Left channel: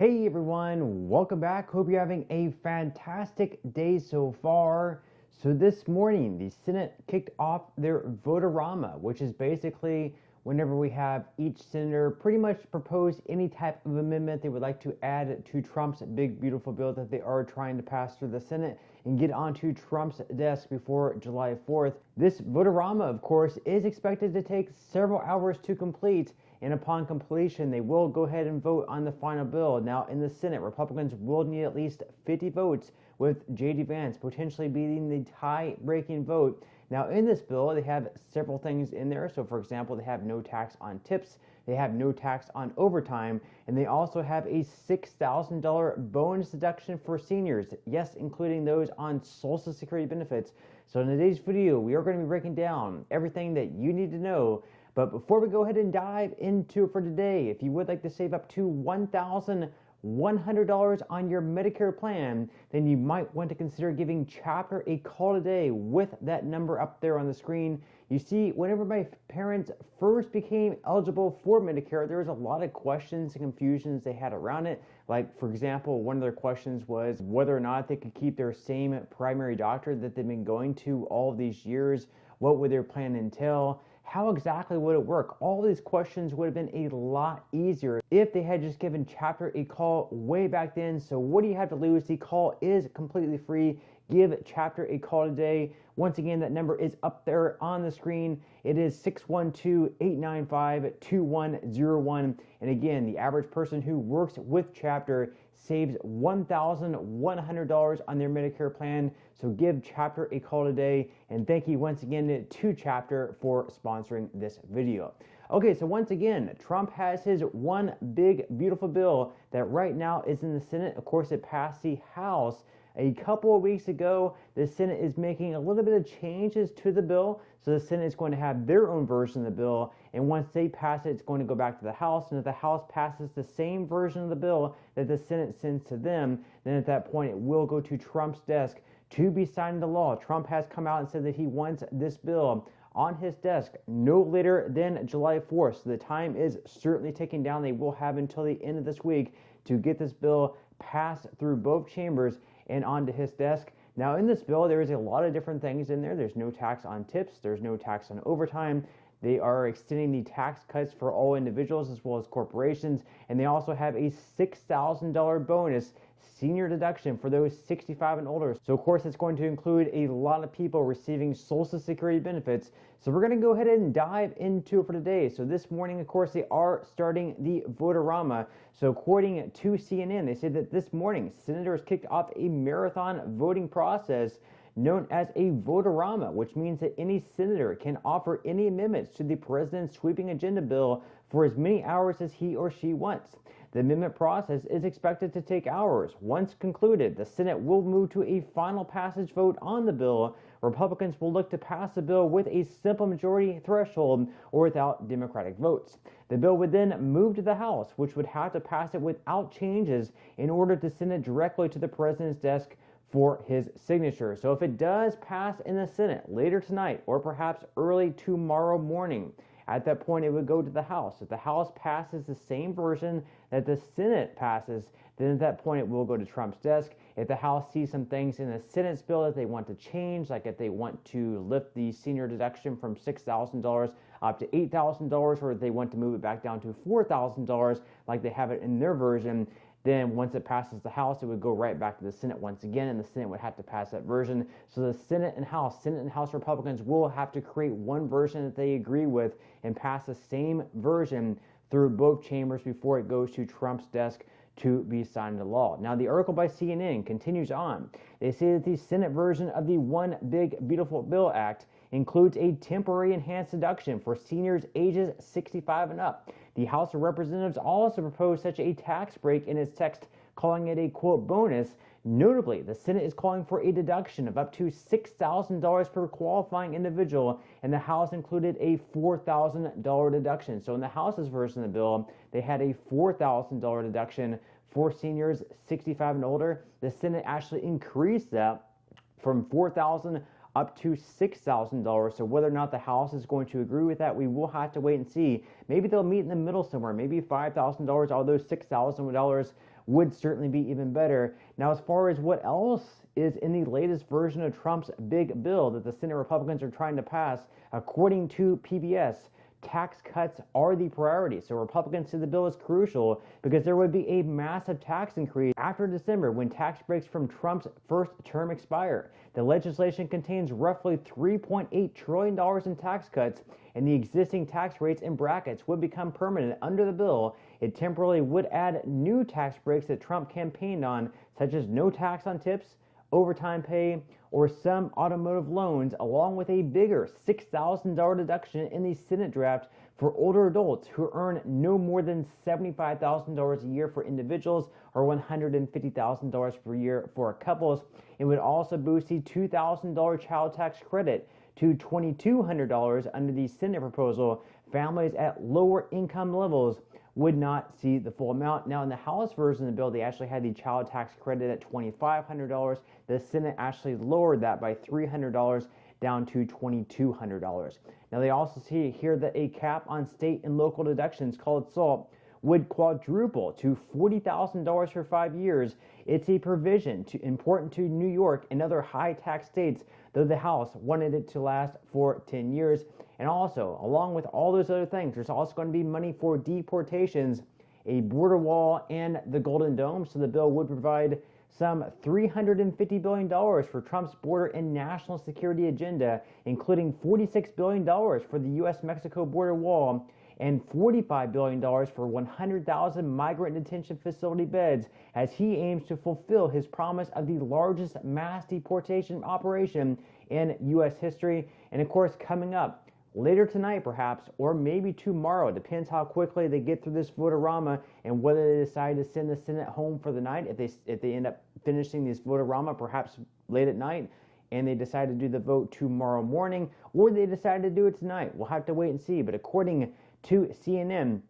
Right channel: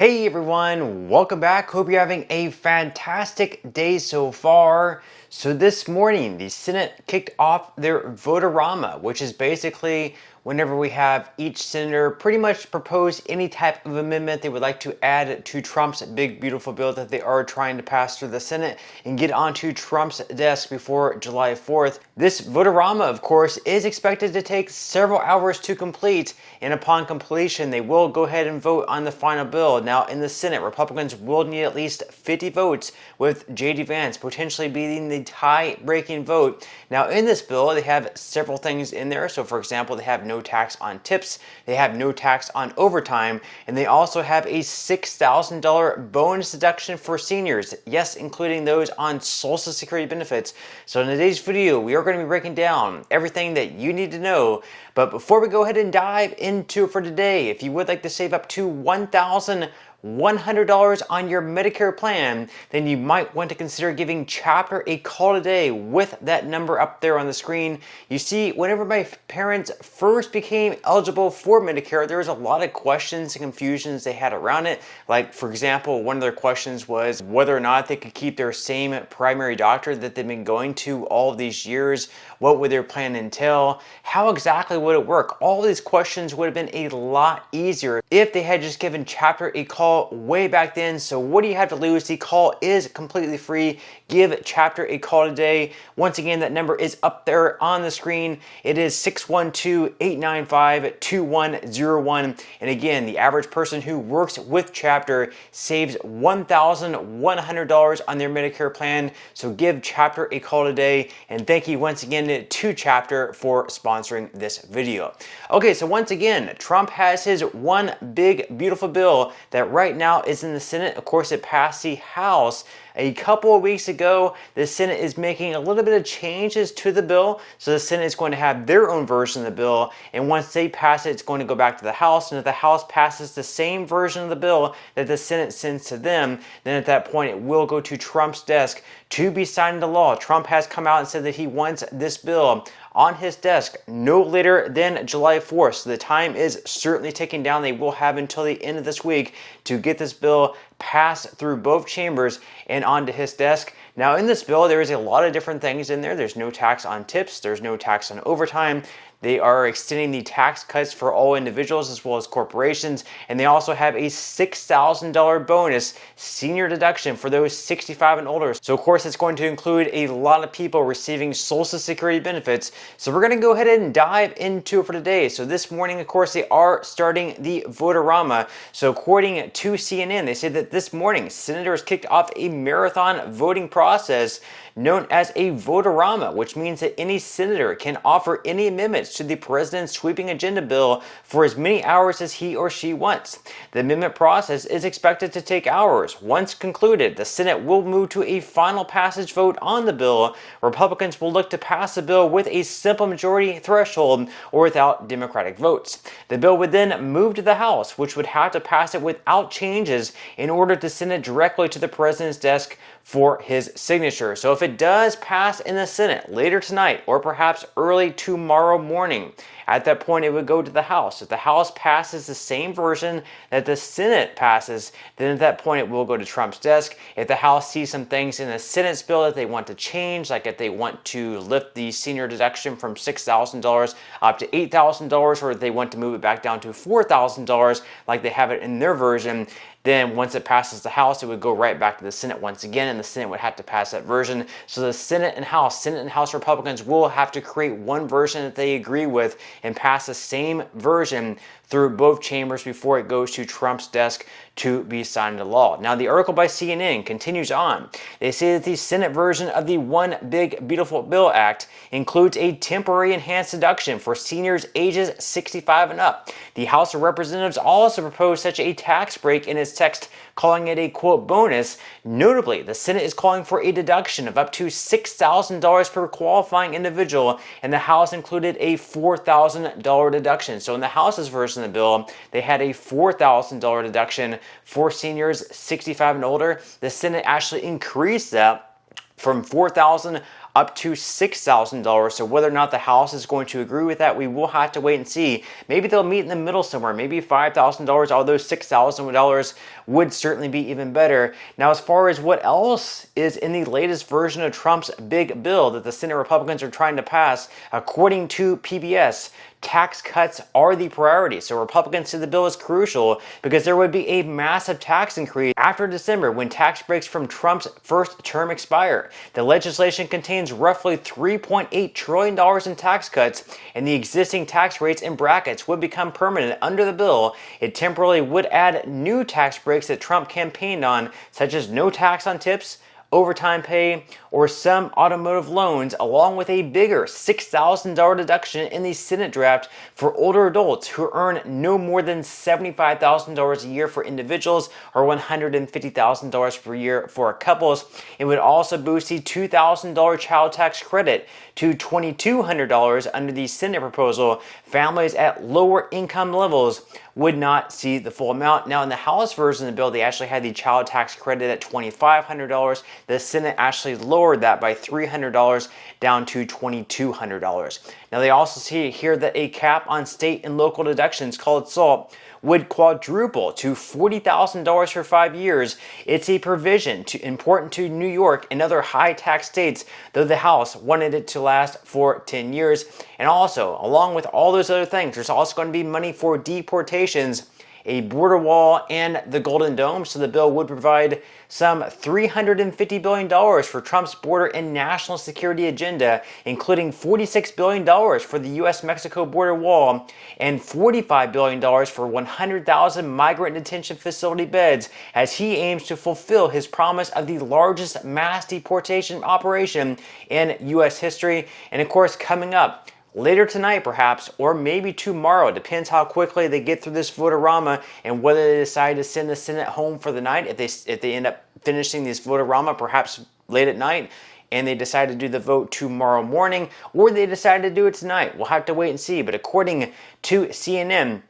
Hey everyone, welcome back. Hope you're having a fantastic day so far. So this morning, the Senate kicked off their voterama, which is basically whenever we have each senator pretty much propose any type of amendment they would like to add to Trump's big beautiful bill that they are trying to pass through the Senate and get onto Trump's desk before July 4th. This voterama, of course, is expected to take several hours to complete, and upon completion, they will go ahead and vote on the final bill. Now, in the Senate, Republicans will need at least 50 votes, with J.D. Vance potentially beating the tie-breaking vote. Now, in this bill, they have several things in there. So, for example, they have no tax on tips, they have no tax on overtime, and they also have a $6,000 bonus deduction for seniors. Yes, including those on Social Security benefits. So, in today's video, we are going to be breaking down everything that you need to know. But before we go ahead and dive into it for today, if you would like to save up to $1,100 on your Medicare plan, then you might want to consider giving Chapter a call today with that number up there on the screen. You see, whenever my parents first became eligible for Medicare, there was a lot of questions and confusions they had around it. Like, for example, one of their questions was whether or not they could keep their same primary doctor that they've been going to all of these years. What would their plan entail? How exactly would it work? All these questions would have been a lot easier if they had just given Chapter a call way back then. So what do you have to lose? The call is completely free. Give Chapter a call today. Once again, that number is up there on the screen. It is 612-895-2101. And again, the average person who works with Chapter saves $1,100 on their Medicare plan. So give Chapter a call today. And thank you once again to Chapter for sponsoring this video. Okay, so once again, Trump has his one big beautiful bill that right now is in the Senate. Of course, it passed the House a couple of weeks ago. The Senate is making a little bit of changes to the bill. So the Senate is going to have their own version of the bill. And once they pass it, it's going to go back to the House. And if the House passes the same version of the bill that the Senate sends to them, then at that point, it will go to Trump's desk to be signed into law. Trump has come out and said that he wants this bill on his desk no later than July 4th. So the time is certainly ticking down. They will have until the end of this week to get this bill passed through both chambers and onto his desk. Now, in this bill, there is a lot of different things in there. There's no tax on tips. There's no tax on overtime. They are extending the tax cuts for all individuals as well as corporations, and they also have a $6,000 bonus senior deduction for those 65 and older. So of course, it's going to include a lot of people receiving Social Security benefits. So we're going to go ahead and dive into it for today. So this morning, of course, they are starting the voterama. So according to CNN, they said that this morning, senators kicked off a marathon voting process known as a voterama, which means that any senator can offer any amendments to the president's sweeping agenda bill for as many hours as he or she wants. The amendment process is expected to take hours. Once concluded, the Senate will move to a final passage vote on the bill. Republicans will look to pass the bill with a simple majority threshold or without Democratic votes. The bill would then move to the House, which would have to pass it without changes in order to send it directly to the president's desk for his signature. So if it does pass in the Senate later tonight or perhaps early tomorrow morning, at that point it would go to the House. If the House passes the same version that the Senate passes, then at that point it will go to Trump's desk. If the House sees some things in the Senate's bill that they want to change, like if they want to lift the senior deduction from $6,000 up to $8,000, or if they want to move it back down to $4,000 like they have it in their version, then once it passes the House, it would go right back to the Senate once again, and the Senate would have to pass that version. So the Senate and House Republicans will have to create one version that they agree with and pass the same version through both chambers before it goes to Trump's desk to be signed into law. Now, the article by CNN continues on. They say that the Senate version of the One Big Beautiful Bill Act includes a temporary enhanced deduction for seniors ages 65 and up. The House of Representatives also proposed such a tax break in its text, calling it a, quote, bonus. Notably, the Senate is calling for a deduction of up to $6,000 per qualifying individual, and the House included a $4,000 deduction. So in the House's version of the bill, they had a $4,000 deduction for seniors 65 and older. The Senate actually increased that from $4,000 up to $6,000. So whether or not the House is going to agree with that, we will have to wait and see. Maybe they'll meet in the middle somewhere, maybe $5,000 out of those $6,000 would certainly be even better. Now, as far as what else is in the latest version of Trump's big bill that the Senate Republicans are trying to pass, according to PBS, tax cuts are the priority. So Republicans say the bill is crucial because there would be a massive tax increase after December when tax breaks from Trump's first term expire. The legislation contains roughly $3.8 trillion in tax cuts, and the existing tax rates and brackets would become permanent under the bill. It temporarily would add new tax breaks that Trump campaigned on, such as no tax on tips, overtime pay, or some automotive loans, along with a bigger $6,000 deduction in the Senate draft for older adults who earn no more than $75,000 a year for individuals or $150,000 per year for couples. It would also boost the $2,000 child tax credit to $2,200 under the Senate proposal. Families at lower income levels would not see the full amount. Now, in the House version of the bill, they actually had the child tax credit at $2,500. The Senate actually lowered that by $300 down to $2,200. Now, they also see here that a cap on state and local deductions called SALT would quadruple to $40,000 for 5 years. It's a provision important to New York and other high tax states, though the House wanted it to last for 10 years. And also, along with all those other things, there's also going to be money for deportations, a border wall, and the Golden Dome. So the bill would provide some $350 billion for Trump's border and national security agenda, including $46 billion for the U.S.-Mexico border wall and $45 billion for 100,000 migrant detention facility beds, as he aims to fulfill his promise of the largest mass deportation operation in U.S. history. And of course, coming up later tonight perhaps, or maybe tomorrow. It depends how quickly they get through this voterama and whether they decide to send the Senate home for the night. If they end up finishing this voterama perhaps late at night and they decide to do the vote tomorrow morning, or they decide to do it tonight. We'll have to wait and see. But according to CNN,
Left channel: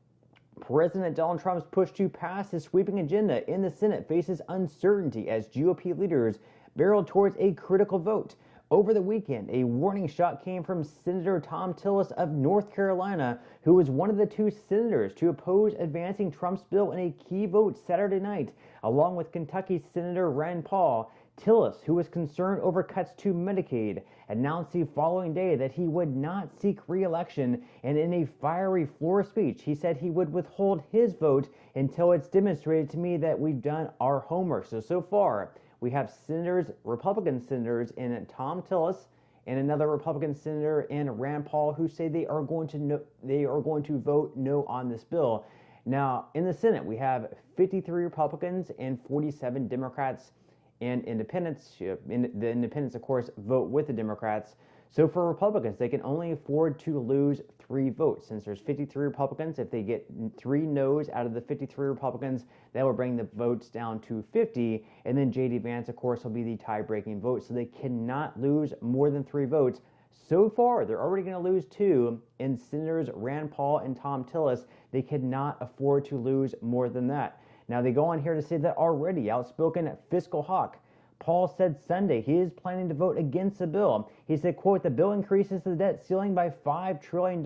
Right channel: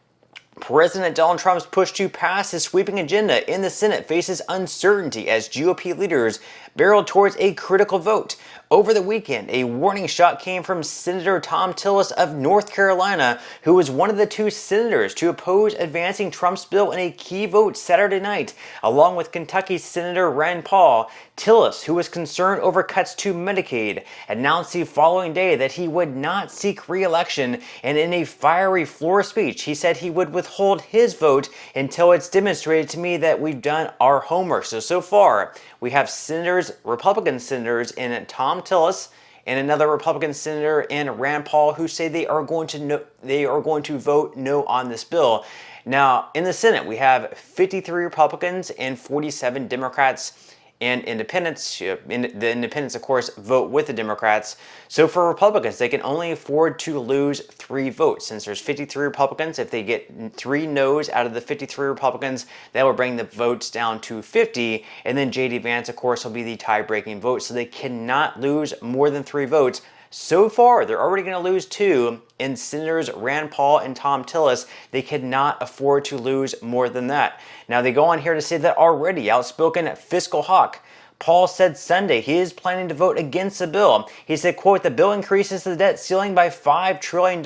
President Donald Trump's push to pass his sweeping agenda in the Senate faces uncertainty as GOP leaders barreled towards a critical vote. Over the weekend, a warning shot came from Senator Thom Tillis of North Carolina, who was one of the two senators to oppose advancing Trump's bill in a key vote Saturday night, along with Kentucky Senator Rand Paul. Tillis, who was concerned over cuts to Medicaid, announced the following day that he would not seek re-election, and in a fiery floor speech, he said he would withhold his vote until it's demonstrated to me that we've done our homework. So far, we have Republican senators in Thom Tillis and another Republican senator in Rand Paul who say they are going to vote no on this bill. Now, in the Senate, we have 53 Republicans and 47 Democrats and independents. The independents, of course, vote with the Democrats. So for Republicans, they can only afford to lose 3 votes. Since there's 53 Republicans, if they get 3 no's out of the 53 Republicans, that will bring the votes down to 50. And then J.D. Vance, of course, will be the tie-breaking vote. So they cannot lose more than 3 votes. So far, they're already going to lose 2 in Senators Rand Paul and Thom Tillis. They cannot afford to lose more than that. Now, they go on here to say that already outspoken fiscal hawk Paul said Sunday he is planning to vote against the bill. He said, quote, "The bill increases the debt ceiling by $5 trillion.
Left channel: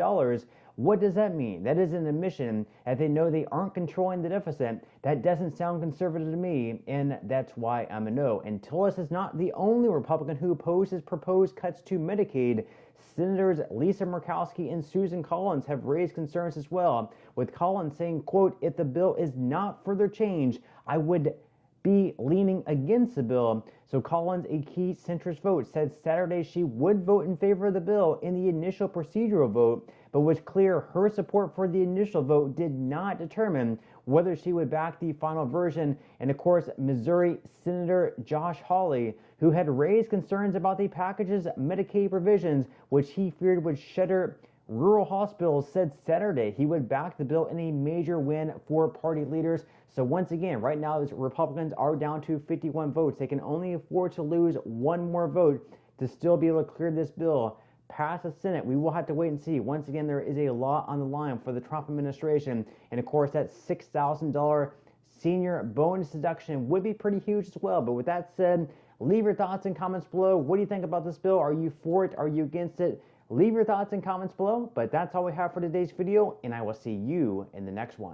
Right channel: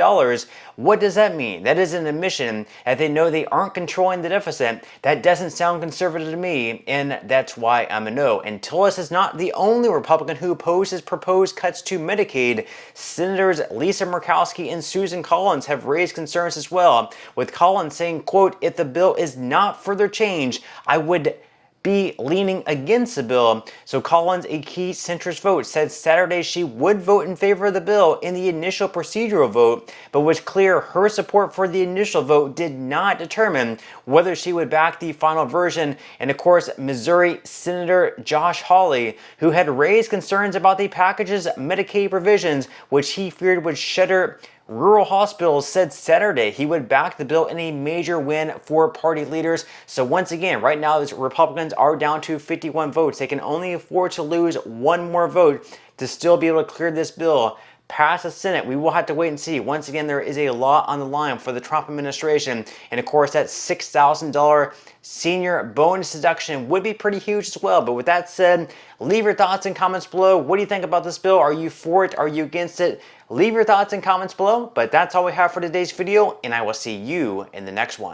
What does that mean? That is an admission that they know they aren't controlling the deficit. That doesn't sound conservative to me, and that's why I'm a no." And Tillis is not the only Republican who opposes proposed cuts to Medicaid. Senators Lisa Murkowski and Susan Collins have raised concerns as well, with Collins saying, quote, "If the bill is not further changed, I would be leaning against the bill." So Collins, a key centrist vote, said Saturday she would vote in favor of the bill in the initial procedural vote, but was clear her support for the initial vote did not determine whether she would back the final version. And of course, Missouri Senator Josh Hawley, who had raised concerns about the package's Medicaid provisions, which he feared would shutter rural hospitals, said Saturday he would back the bill in a major win for party leaders. So once again, right now, the Republicans are down to 51 votes. They can only afford to lose one more vote to still be able to clear this bill past the Senate. We will have to wait and see. Once again, there is a lot on the line for the Trump administration. And of course, that $6,000 senior bonus deduction would be pretty huge as well. But with that said, leave your thoughts and comments below. What do you think about this bill? Are you for it? Are you against it? Leave your thoughts and comments below. But that's all we have for today's video, and I will see you in the next one.